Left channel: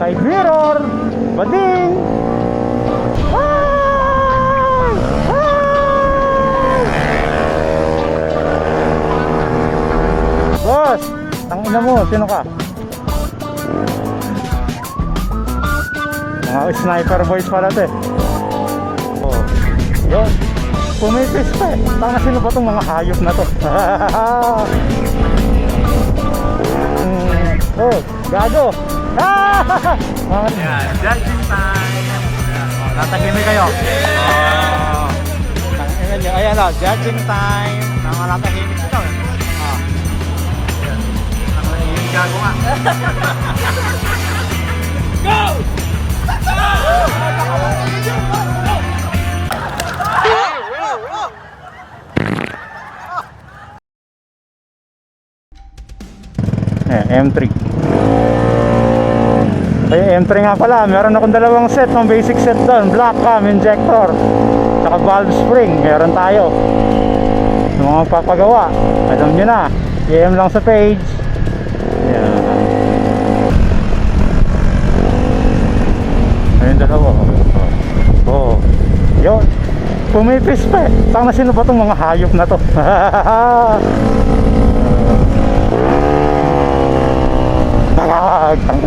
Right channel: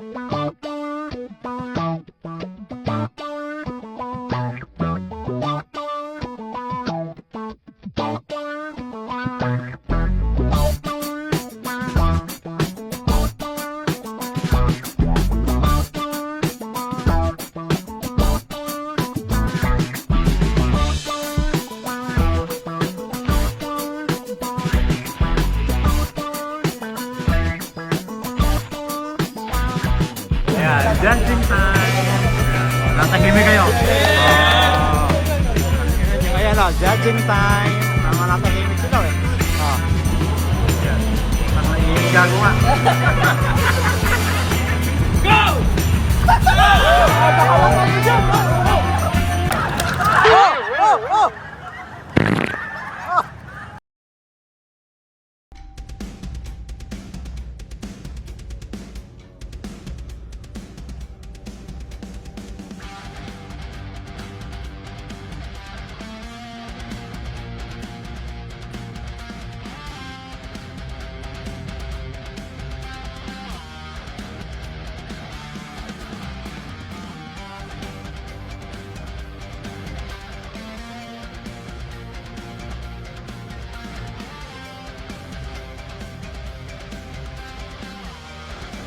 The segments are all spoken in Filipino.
Side mirror. Bading. Boss, tangina mo, sino ka? Mga sniper boys pala ito eh. Oh, yun. Pumipis pa eh. Tanga, sino ba itong mga hayop na to? Oh, gago. Ayan, judging time. Natahimik kayo. Tangina nyo. Ayan o, judging time. Tama, natahimik sila eh. Ayan. Nakahimik gago nga. M3. Ay, M3 nga pala. Meron akong dalawang set ng basic set doon. Black cam, injector, saka valve spring. Meron tayo. Yung mga papagawa, alam nyo na. PM lang sa page. Ayan. Ayun, dalawa. Oh, yun. Pumipis pa eh. Tanga, sino ba itong mga hayop na to?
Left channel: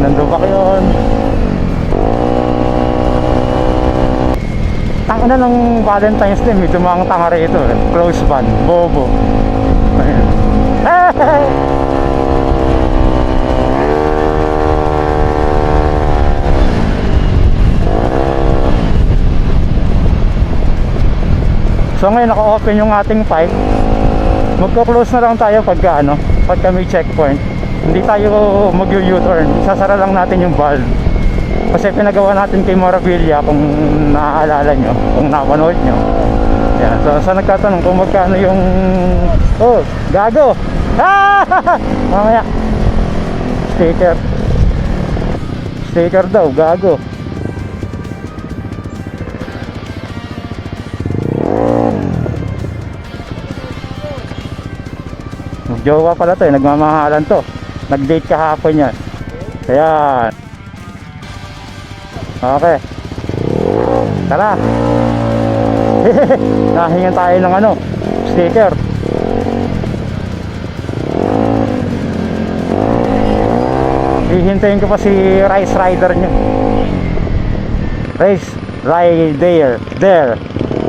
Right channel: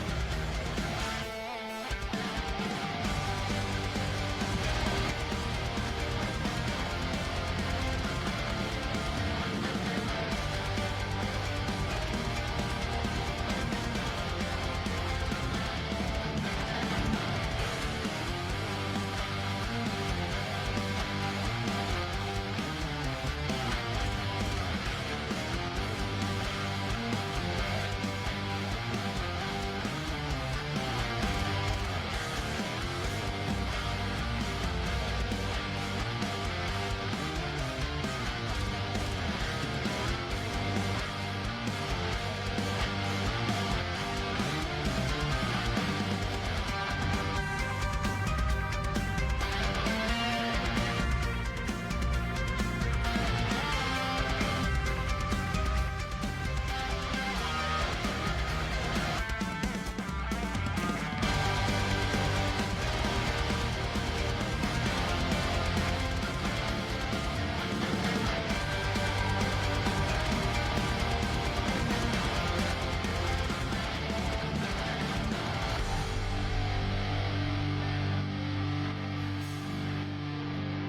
Nandun ba yun? Tangina ng Valentine's Day, may dumang tanga rito eh. Close band, bobo. Ayun. So ngayon naka-open yung ating pipe. Magko-close na lang tayo pagka may checkpoint. Hindi tayo mag-U-turn, sasara lang natin yung valve. Kasi pinagawa natin kay Moravilla, kung naaalala nyo, kung napanood nyo. Yan. So sa nagtatanong kung magkano yung... Oh, gago! Mamaya. Sticker daw, gago. Jowa pala to eh, nagmamahalan to. Nag-date kahapon yan. Ayan. Okay. Tara. Nahingan tayo ng sticker. Hihintayin ko pa si Race Rider nyo. Race Rider.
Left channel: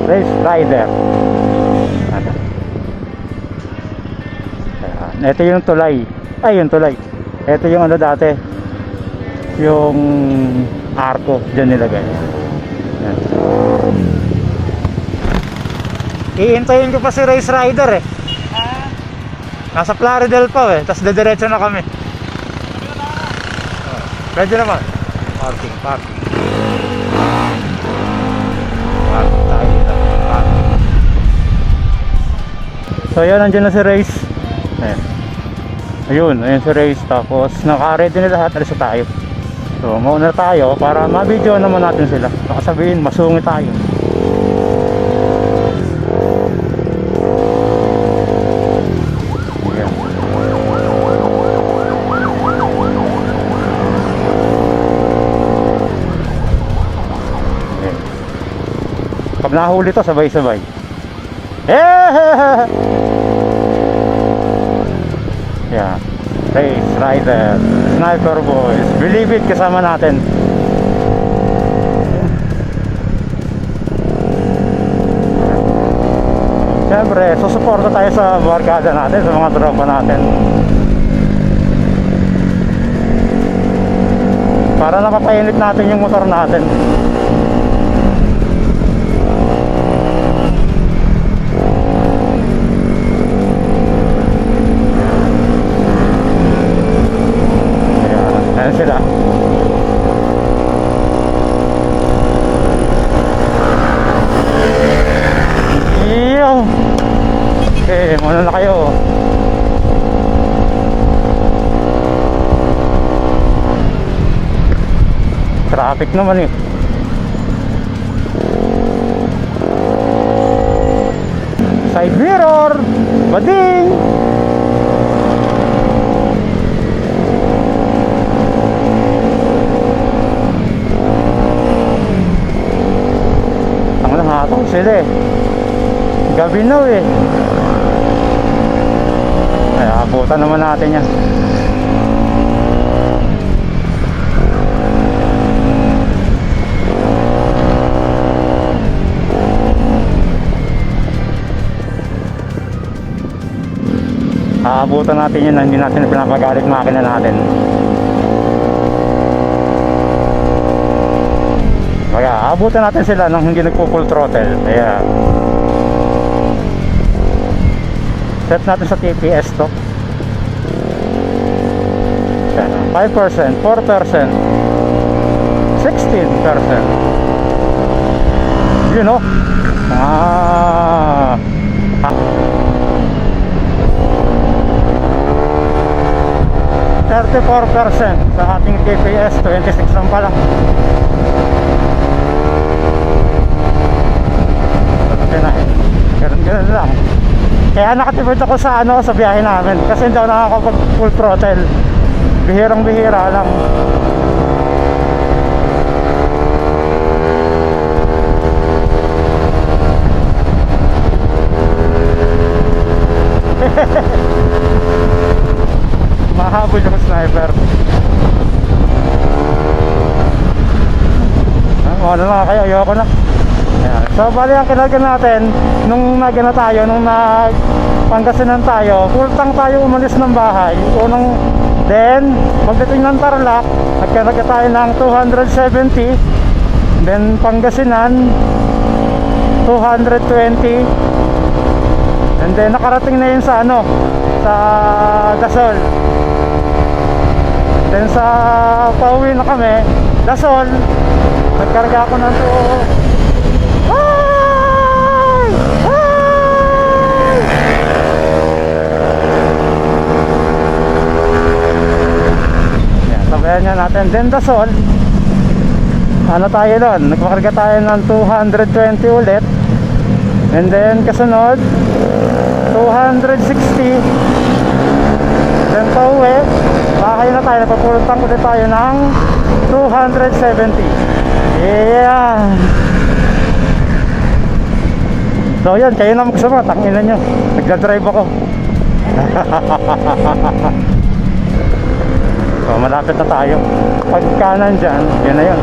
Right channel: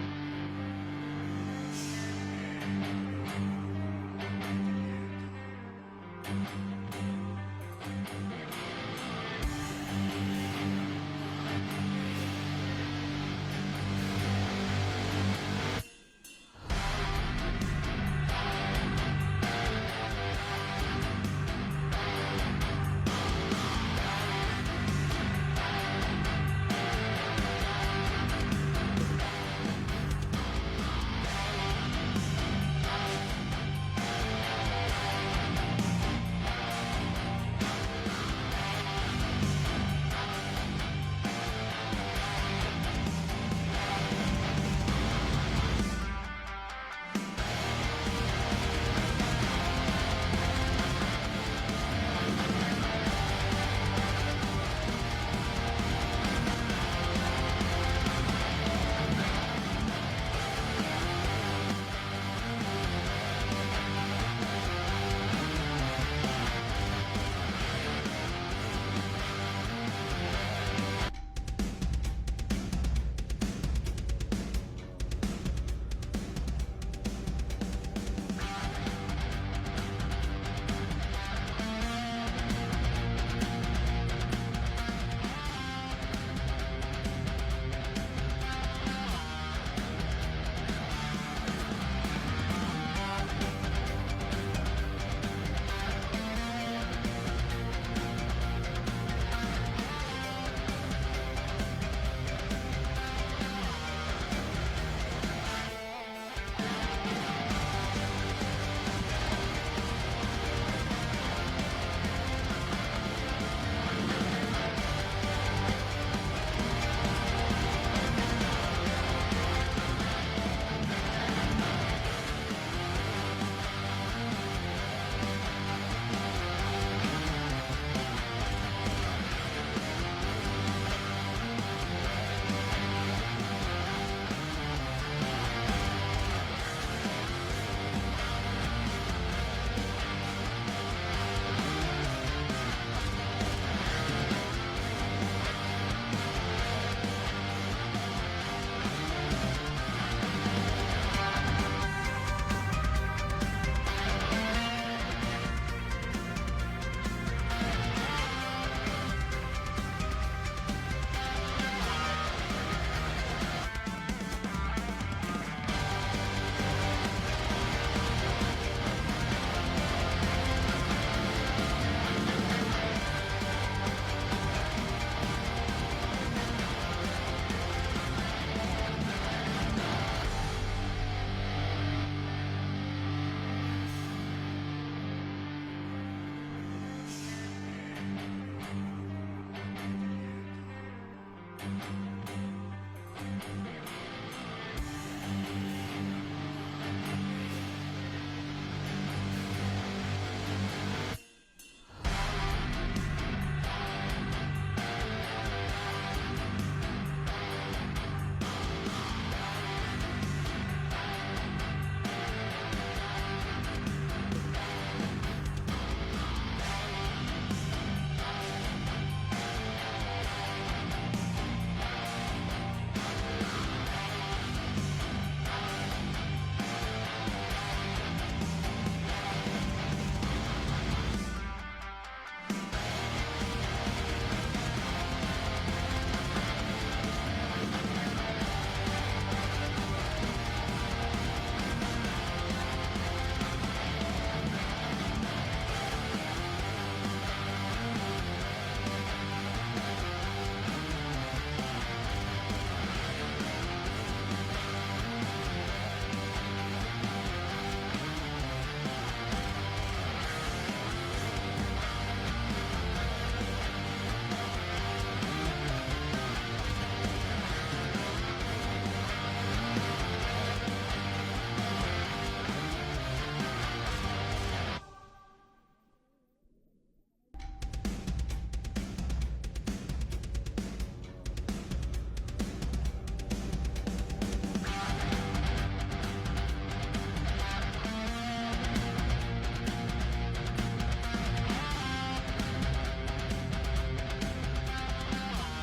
Race Rider. Ito yung tulay. Ay, yung tulay. Ito yung dati. Yung arko. Diyan nilagay. Yan. Iintayin ko pa si Race Rider eh. Nasa Plaridel pa eh. Tapos dediretso na kami. Pwede naman. Parking. Parking tayo dito. So yan, nandiyan na si Race. Ayun, ayun si Race. Tapos naka-ready na lahat. Alis na tayo. So mauna tayo para ma-video naman natin sila. Baka sabihin masungit tayo. Ayan. Ayan. Pag nahuli to sabay-sabay. Yeah. Race Rider, Sniper Boys, Believe It, kasama natin. Siyempre, susuporta tayo sa barkada natin, sa mga tropa natin. Para napapainit natin yung motor natin. Ayan sila. Okay, muna na kayo. Traffic naman eh. Side mirror, bading. sila eh. Gabi na eh. Ay, abutan naman natin yan. Aabutan natin yun, hindi natin pinapagalit makina natin. Kaya aabutan natin sila nang hindi nagpo-full throttle. Kaya set natin sa TPS to. 5%, 4%, 16%. You know? 34% sa ating TPS, 26 lang pala. Okay na, ganun lang. Kaya nakatipid ako sa sa biyahe namin kasi hindi ako nakakapag full throttle. Bihirang bihira lang. Mahabol yung sniper. Ano na kayo, ayoko na. Ayan. So bali ang kinalgan natin nung nagana tayo, nung Pangasinan tayo, full tank tayo umalis ng bahay. Then pagdating ng Tarlac, nagkarga tayo ng 270. Then Pangasinan 220. And then nakarating na yun sa sa Dasol. Then sa pauwi na kami, Dasol, nagkarga ako ng sabayan niya natin. Then Dasol, tayo doon, nagpakarga tayo ng 220 ulit. And then kasunod 260. Then pauwi, bakay na tayo, napapulutang ulit tayo ng 270. Yeah. So yan, kayo na magsama, tangina nyo, nagdadrive ako. So malapit na tayo. Pag kanan dyan, yun na yun.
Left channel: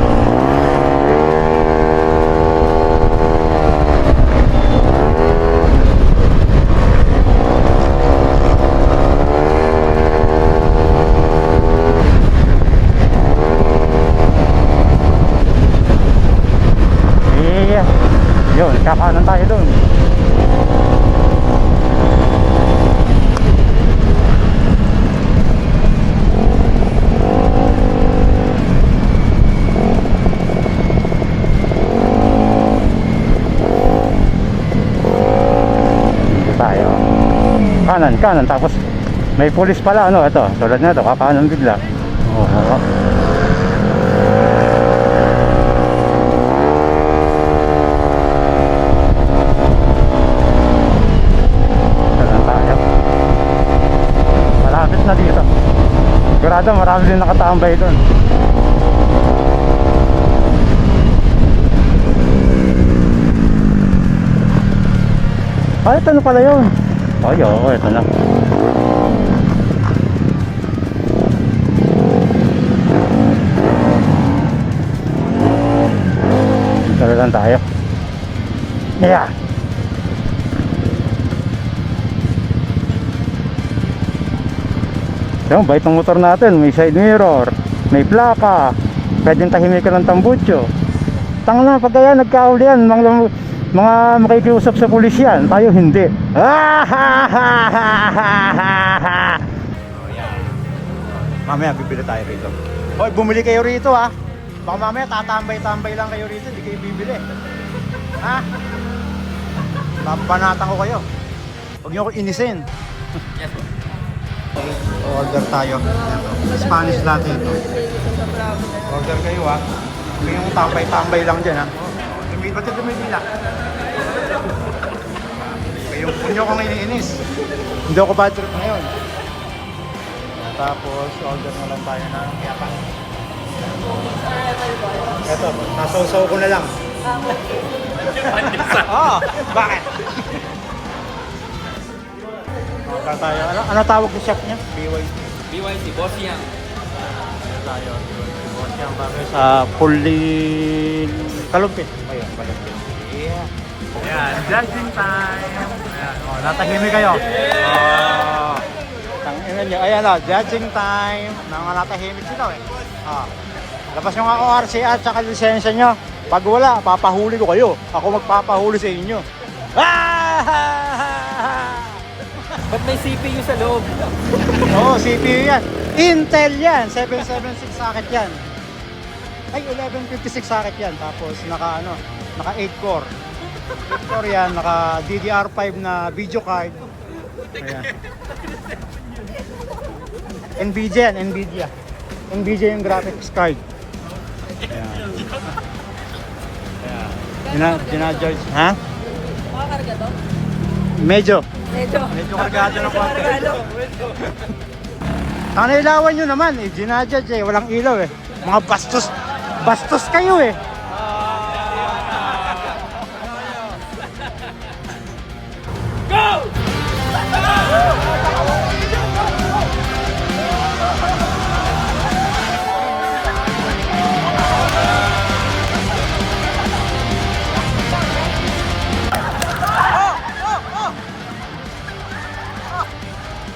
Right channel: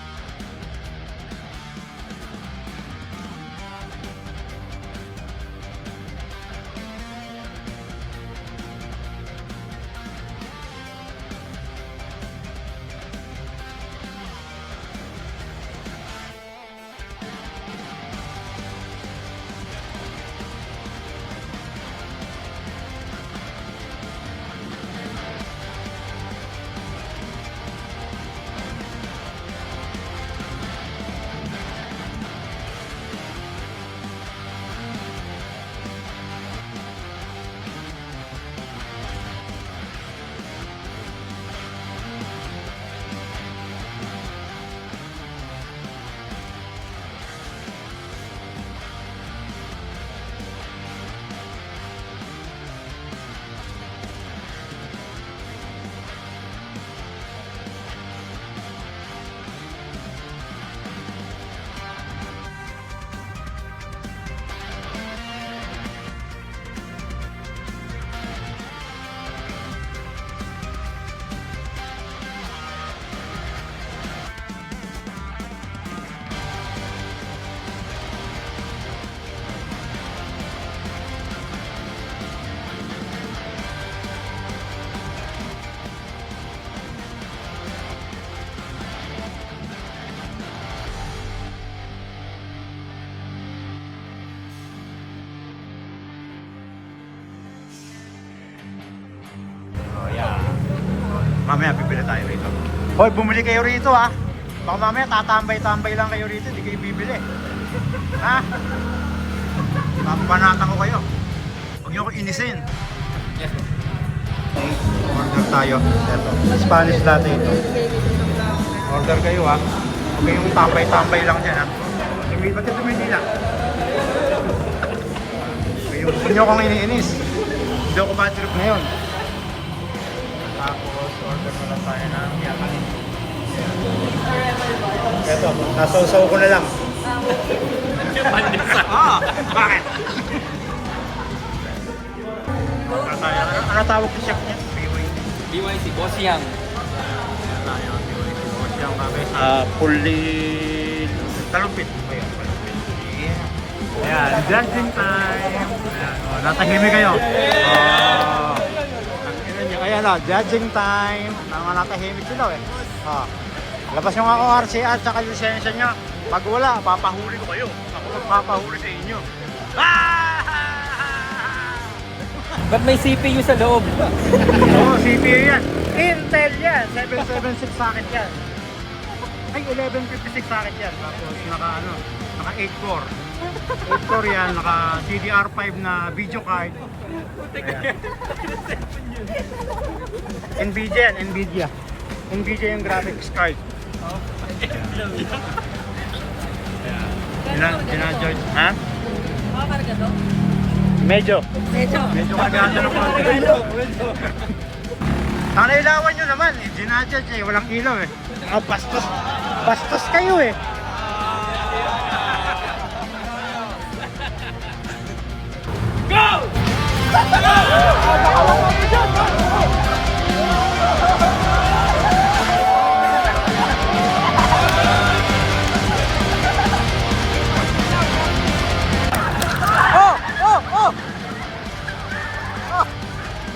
Yun, kakanan tayo doon. Tayo. Kanan, tapos may pulis pala, ito, tulad na ito, kakanan bigla. Na dito. Sigurado marami din nakatambay doon. Ito na pala yun. Ito na. Dito lang tayo. Yeah. Yung bait ng motor natin, may side mirror, may plaka, pwedeng tahimikan ng tambutso. Tang na, pag kaya nagkahuli yan, mga makikiusap sa pulis yan, tayo hindi. Oh yeah. Mamaya bibili tayo rito. Hoy, bumili kayo rito ha. Baka mamaya tatambay-tambay lang kayo rito, hindi kayo bibili. Ha? Papanatan ko kayo. Huwag niyo ako inisin. Yes, order tayo. Ito, Spanish latte ito. Order kayo ha. Huwag kayong tambay-tambay lang dyan ha. Ba't yung tumidila? Huwag nyo akong iniinis. Hindi ako bad trip ngayon. Tapos order na lang tayo ng yakan. Ito, nasosaw ko na lang. Bakit? Ano tawag ni chef niya? BYC, boss yan. Ayan tayo, BYC yung kami sa Pulin Talumpit. Ayun, yeah. Ayan, dancing time. Ayan, natahimik kayo. Tangina nyo. Ayan judging time. Natahimik sila eh. Labas nyo nga ORC at saka lisensya nyo. Pag wala, papahuli ko kayo. Ako magpapahuli sa inyo. Ba't may CPU sa loob? Oo, CPU yan. Intel yan. 776 socket yan. Ay, 1156 socket yan. Tapos naka 8 core. 8 core yan, naka DDR5 na video card. Nvidia yan, Nvidia. Nvidia yung graphics card. Gina-George, ha? Makakarga to? Medyo Medyo. kargado ng konti. Sana ilawan nyo naman eh, ginajudge eh, walang ilaw eh. Mga bastos kayo eh.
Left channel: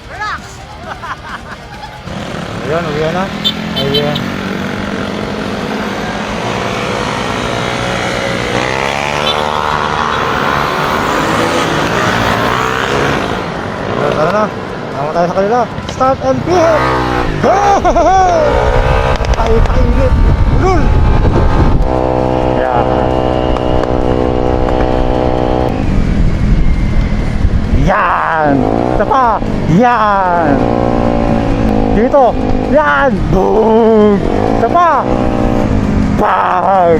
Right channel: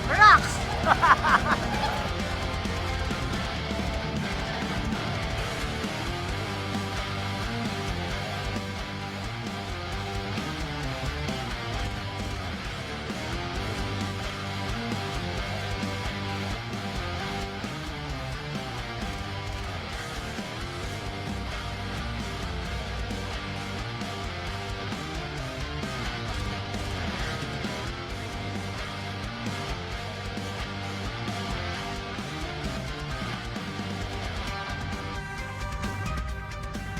Relax! Ayan, uwi na. Ayan. Tara na. Tama tayo sa kanila. Start and pit! Go! Tayo painit. Ulul! Yan. Yan! Ito pa! Yan! Dito! Yan! Boom! Ito pa! Bang!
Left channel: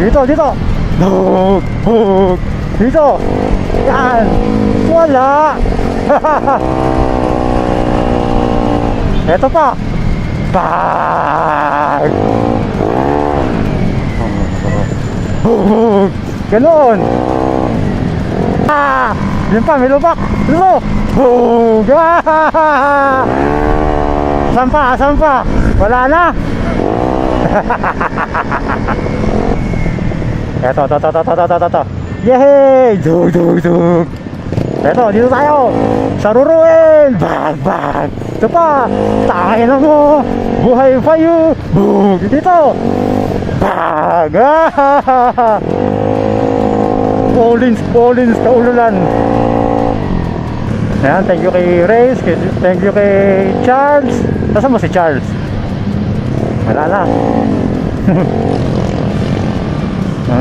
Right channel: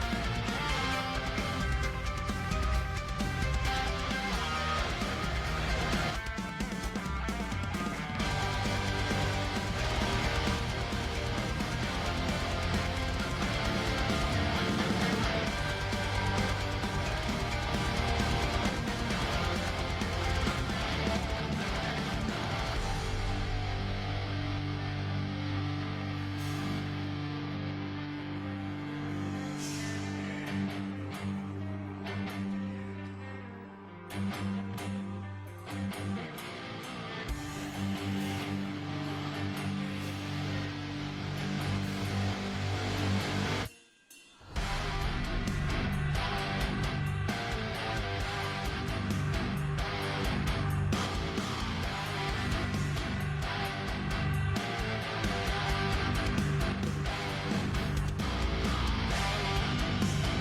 Dito! Boom! Boom! Dito! Yan! Wala! Ito pa! Bang! Boom! Ganon! Yun pa, may lubak! Lumo! Boom! Saan pa? Wala na! Eto. Yehey! Dug! Eto, dito tayo! Saruruin! Bag! Ito pa! Takin na mo! Buhay pa yun! Boom! Dito! Bag! Paulins, kaululan! Ayan, thank you kay Reyes, thank you kay Charles. Nasaan mo si Charles? Wala na.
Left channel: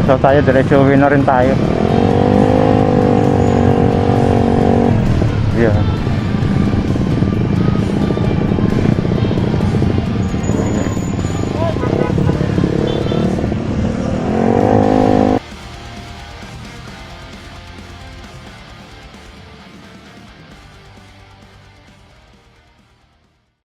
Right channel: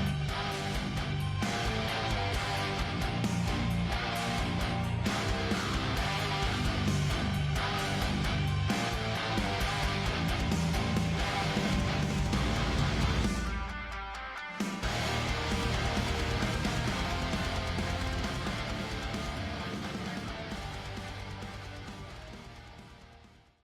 So tayo, diretso uwi na rin tayo. Yeah.